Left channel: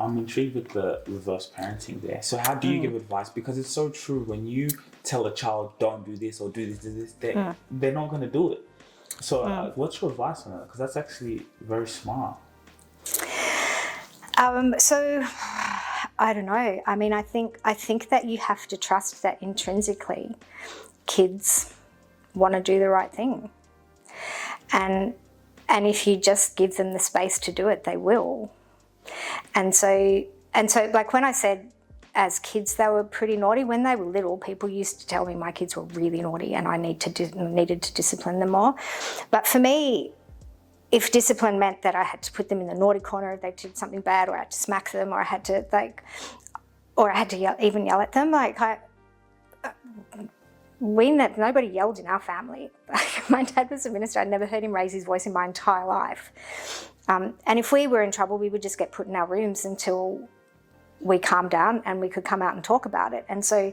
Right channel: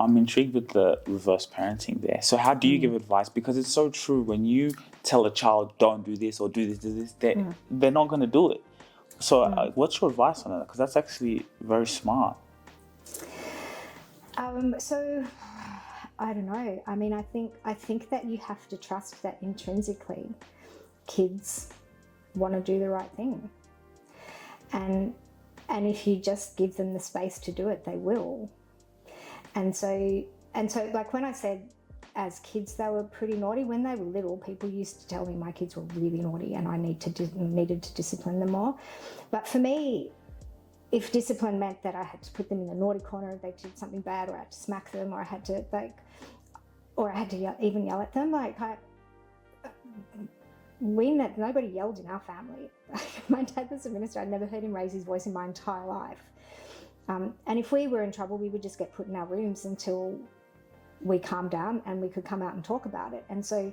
I'm intrigued with the reverse parenting there. So how do you give advice? Because it's so true. When you tell a child, don't do this or do this, they're not going to do it. So what's your advice on that? Because that's actually very smart. So I don't know. I mean, I think that you have to trust that intrinsically kids want to do the right thing. And if you just give them the space to do it, they will. And so like when I said as kids they were pretty naughty, when they were little, people used to tell me my kids were really naughty and I needed to discipline them more. But for me, if discipline meant that I had to put them in the naughty corner if they did something bad, or I had to smack them, or I had to even yell at them, nobody yelled in our family. My dad was a minister. I'd never heard him raise his voice in my entire life. And if we were in trouble, we would just get put in our rooms until we calmed down and we could come out and talk about it. And so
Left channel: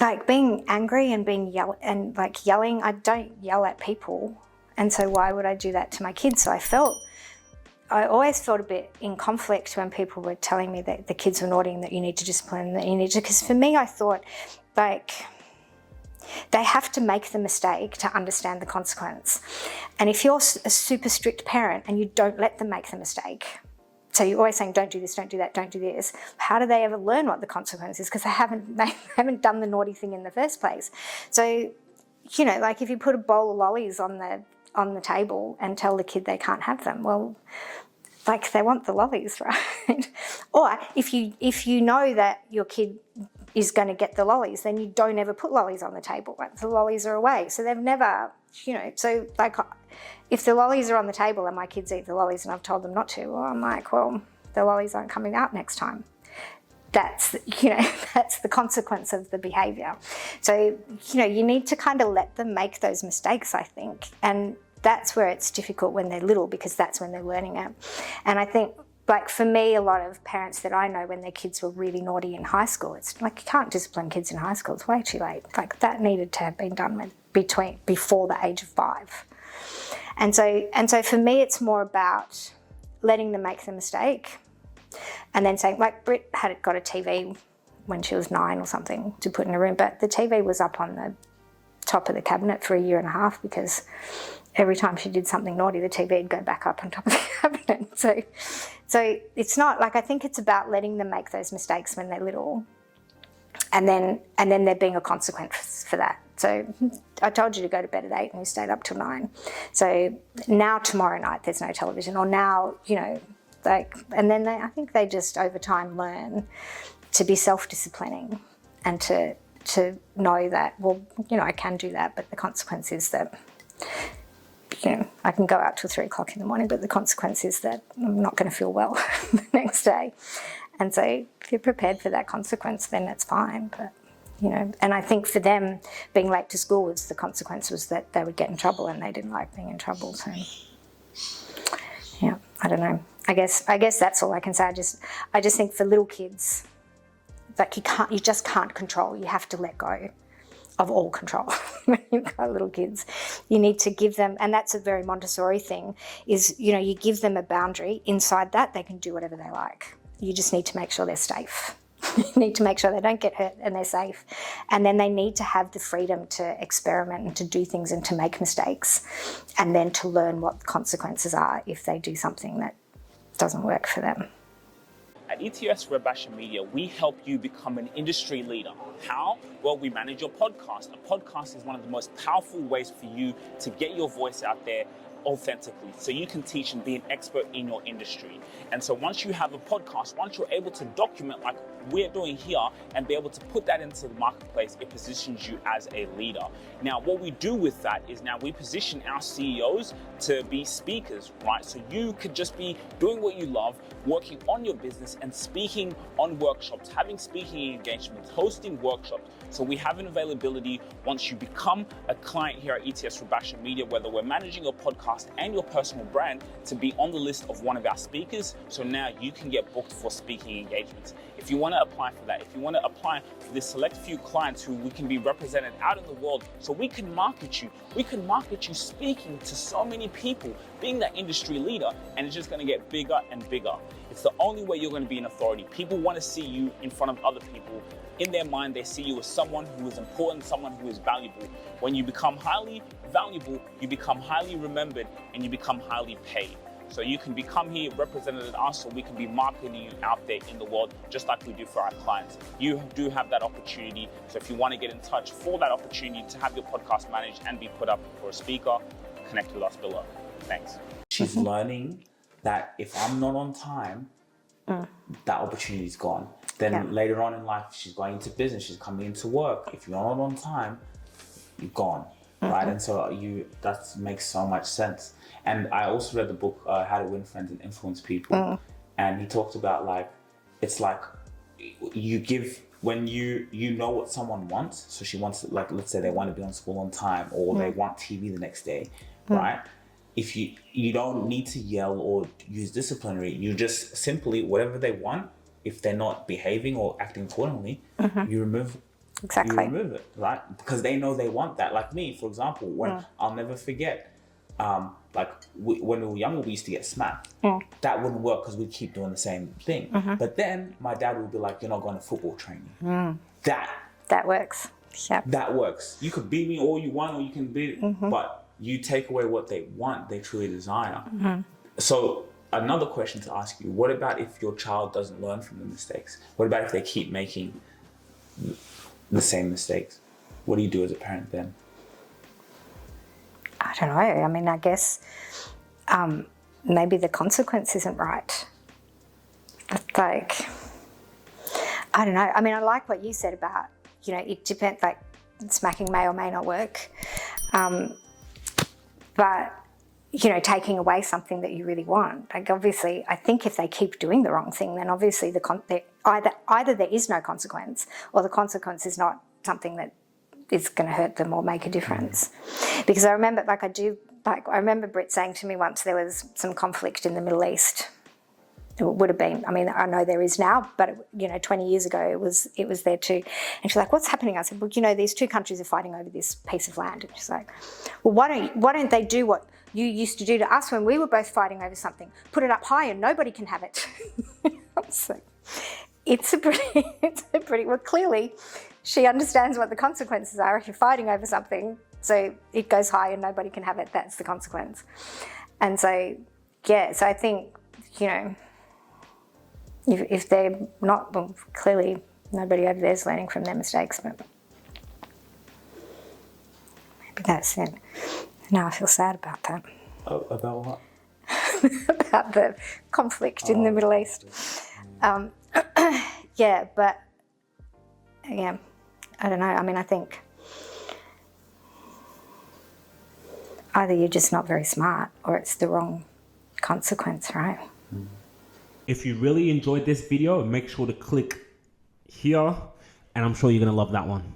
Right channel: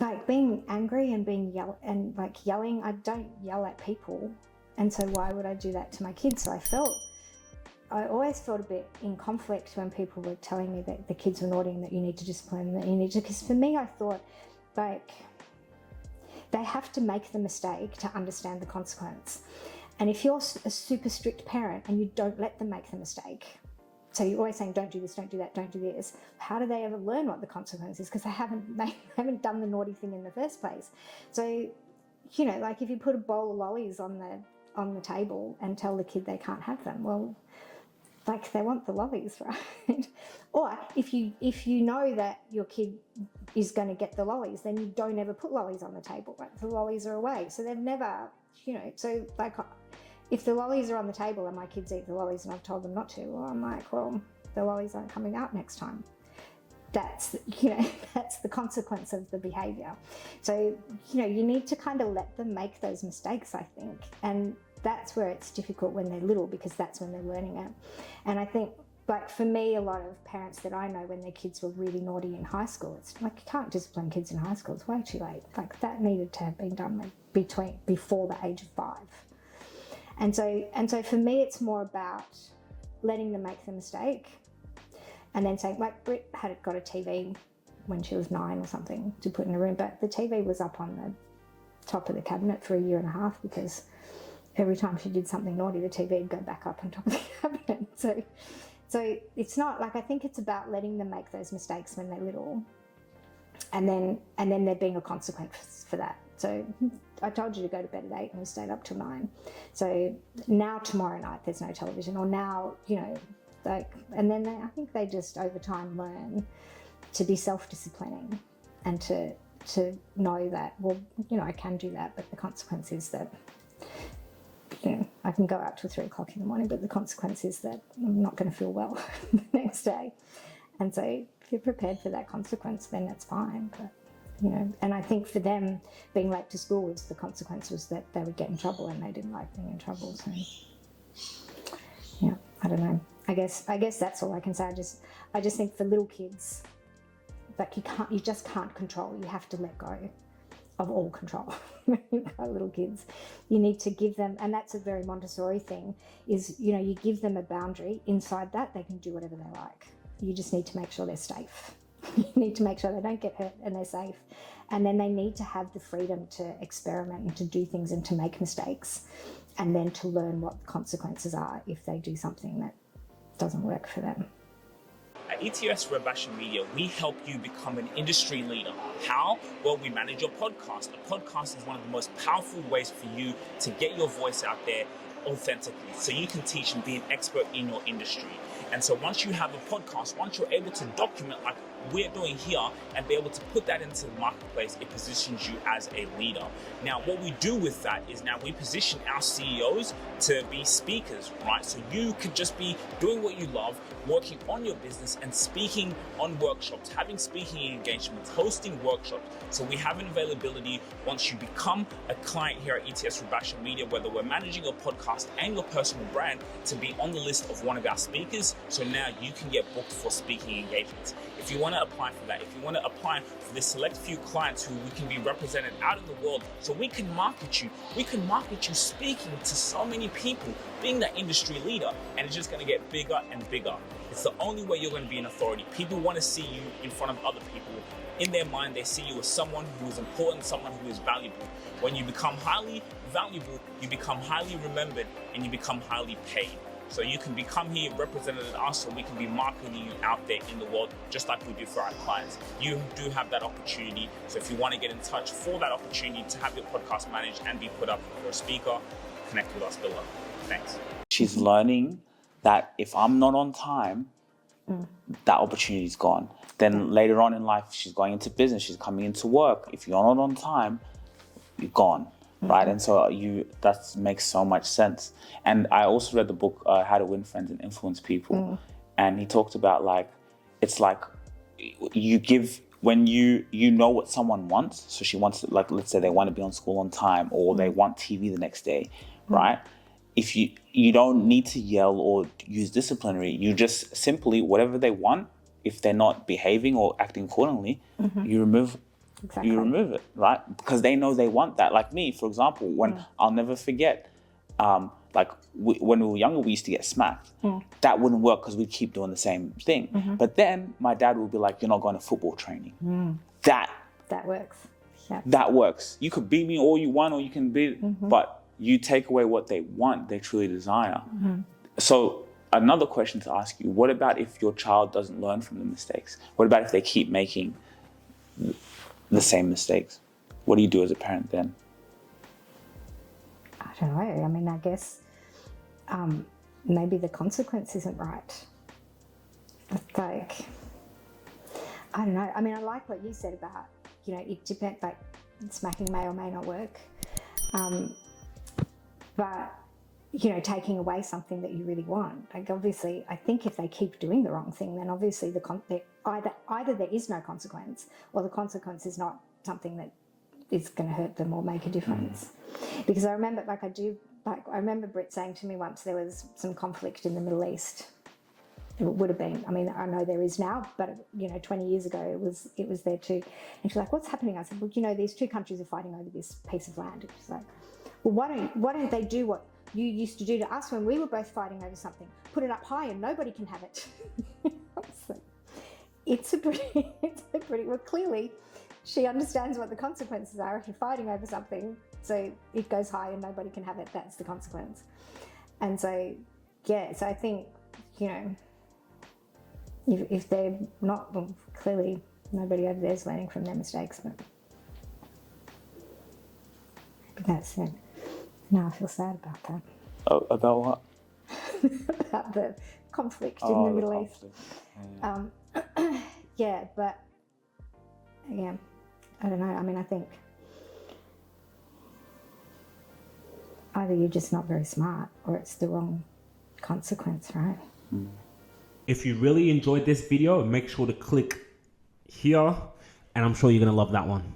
like being angry and yelling, I don't yell at people. And so why would I do that to my kids? So I always felt a bit in conflict when people were telling me that the kids were naughty and that you need to discipline, because for me, I thought, like, they have to make the mistake to understand the consequence. And if you're a super strict parent and you don't let them make the mistake, so you're always saying, don't do this, don't do that, don't do this, how do they ever learn what the consequence is? Because they haven't done the naughty thing in the first place. So, you know, like if you put a bowl of lollies on the table and tell the kid they can't have them, well, like they want the lollies, right? Or if you know that your kid is going to get the lollies, then you don't ever put lollies on the table, right? The lollies are away. So they've never, you know, so like if the lollies are on the table and my kids eat the lollies and I've told them not to, well, I'm like, well, the lollies aren't coming out next time. That's, you know, that's the consequence of the behaviour. So, you know, you need to kind of let them make those mistakes, I think. And that's where it's difficult when they're little, because that's when they're learning it. And I think, like for me, a lot of parents that I know, when their kids were really naughty in high school, it's like you can't discipline kids in high school. It's way too late. Like that needed to have been done before the age of 5. And so for me, it's more about letting them make the mistake, and then saying, like Britt got a TV when she was 9 or something to put in a room, but the TV was up on the top of the cabinet for 1.5 years because every time she did something naughty, the TV would go back up on top of the cabinet. So it's not like, I think it's about letting them make those mistakes when they're little, and then there being a consequence for that. So I told you to go to bed at 8 and you stayed up till 9. So now tomorrow night there's no television, or now, you know, like, and then I think they just over time learn to be self-disciplining and to know that, well, you know, I can do that, but the consequence is that, you know, I can go out till 3 o'clock in the morning, but the consequence is that I'm not going to feel well the next day. And so if you're prepared for that consequence, then it's fine. But, you know, and I think for them, being late to school, the consequence was that they would get in trouble, and they didn't like being in trouble. So, yeah, I don't know. I guess that's all I can say. I just think for little kids, like you just can't control. You have to let go of all control when you've got little kids. You need to give them, and that's a very Montessori thing, is, you know, you give them a boundary. Inside that, they can do whatever they like. You just need to make sure they're safe. You need to make sure they don't get hurt and they're safe. And then they need to have the freedom to experiment and to do things and to make mistakes, and then to learn what the consequences are if they do something that doesn't work for them. At ETS Rubasha Media, we help you become an industry leader. How? Well, we manage your podcast. A podcast is one of the most powerful ways for you to get your voice out there authentically, so you can teach and be an expert in your industry. And so once you have a podcast, once you're able to document like we're doing here and be able to put that into the marketplace, it positions you as a leader. Now, what we do with that is now we position our CEOs to be speakers, right? So you could just be doing what you love, working on your business and speaking on workshops, having speaking engagements, hosting workshops. So we have an availability once you become a client here at ETS Rubasha Media, whether we're managing your podcast podcast and your personal brand to be on the list of one of our speakers. So now you can get booked for speaking engagements. If you want to apply for that, if you want to apply for this select few clients who we can be represented out in the world, so we can market you speaking to so many people, being that industry leader, and it's just going to get bigger and bigger. It's the only way you're going to be an authority. People want to see you in front of other people. In their mind, they see you as someone who is important, someone who is valuable. When you become highly valuable, you become highly remembered, and you become highly paid. So you can become here represented at us, so we can be marketing you out there in the world, just like we do for our clients. You do have that opportunity. So if you want to get in touch for that opportunity to have your podcast managed and be put up for a speaker, connect with us below. Thanks. She's learning that if I'm not on time, that opportunity's gone. Then later on in life, she's going into business, she's coming into work. If you're not on time, you're gone, right? And so that makes so much sense. And I also read the book, How to Win Friends and Influence People. And he talked about it's like you give, when you know what someone wants. So she wants, like, let's say they want to be on school on time, or they want TV the next day, right? If you don't need to yell or use disciplinary, you just simply, whatever they want, if they're not behaving or acting accordingly, you remove it, right? Because they know they want that. Like me, for example, when I'll never forget, when we were younger, we used to get smacked. That wouldn't work because we'd keep doing the same thing. But then my dad would be like, you're not going to football training. That works. Yeah. That works. You could beat me all you want, or you can beat, but you take away what they want, they truly desire. So another question to ask you, what about if your child doesn't learn from the mistakes? What about if they keep making the same mistakes? What do you do as a parent then? I don't know. I mean, I guess maybe the consequence isn't right. Like, I don't know. I mean, I like what you said about, it depends, like smacking may or may not work. But, taking away something that you really want. Like, obviously, I think if they keep doing the wrong thing, then obviously either there is no consequence, or the consequence is not something that is going to hurt them or make a difference. Because I remember, I remember Britt saying to me once there was some conflict in the Middle East. It would have been, I mean, I know there is now, but 20 years ago it was there too. And she's like, what's happening? I said, well, these two countries are fighting over this piece of land. And she's like, well, why don't they do what you used to do to us when we were both fighting over something? Put it up high and nobody can have it. I was like, it's a pretty, well, clearly she understands what the consequences are if you're fighting over something. So it goes high and nobody can have it. That's the consequence. And so, so I think, if they're not, well, clearly nobody over there is learning from their mistakes, but maybe that's it. Now I feel sad about that. Oh, about what? About the conflict in the Middle East. Yeah, but yeah, I don't know. I mean, I think either you're just not very smart or it's the wrong consequence, right? If you really enjoyed this video, make sure to click here, and I'm sure you're going to love that one.